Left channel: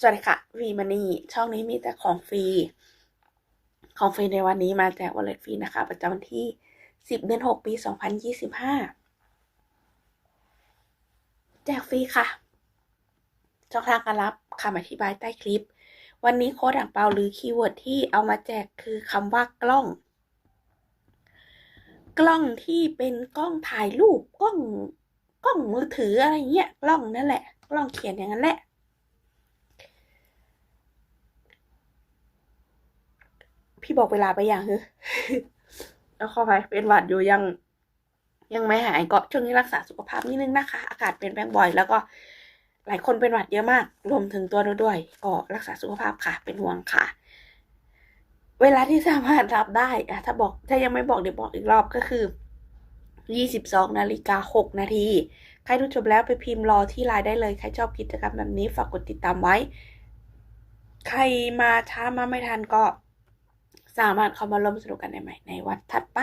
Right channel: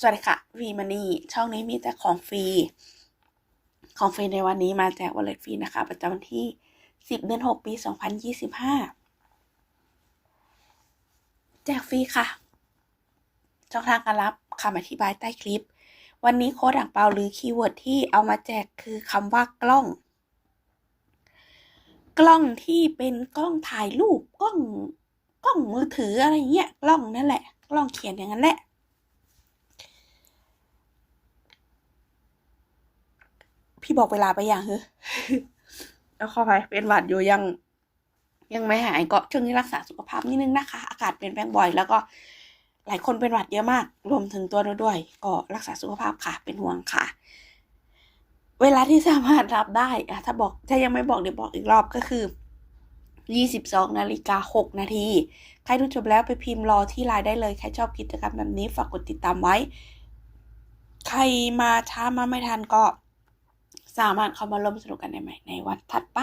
สวัสดีค่ะวีมานีช่องนี้มีแต่ของฟรี ของฟรีในวันนี้มาแจกวอลเล็ตฟรีนะคะ ประจำวันที่ 10 เดือน 6 ปี 2025 แจกฟรีค่ะ ช่องทางการรับคำอธิบายใต้คลิป วันนี้โค้ดอ่างเปาหรือคีย์เวิร์ดที่เอามาแจกคือคำว่ากล้อง กล้องที่เป็นกล้องถ่ายรูปกล้องกล้องมือถืออะไรเงี้ยกล้องนั่นแหละ กล้องเขียนอย่างนั้นแหละ พี่บอกเวลาไปอย่างเฮ้ยแล้วเข้าไปเป็นหวัดอยู่ยัง ยังไม่หายก็ช่วงนี้รักษาสุขภาพนิดนึงนะคะ อากาศเปลี่ยนแปลงบ่อย แล้วก็หลายคนเป็นหวัดเยอะมาก รวมถึงตัวเราด้วย ก็รักษาสุขภาพค่ะ เป็นห่วงค่ะ เวลาที่สามารถรับได้อะถ้าบอกถ้ายังไม่บอกเดี๋ยวบอกอีกรอบก็คือ22นาฬิกา6นาที ใครดูจบแล้วไปพิมพ์รอที่ไลน์ได้เลย ใครชอบกิจกรรมแบบนี้ฝากกดติดตามไว้ ใครมาช้ามาไม่ทันก็ สามารถเข้ามาร่วมสนุกกันได้ใหม่ในวันถัดไป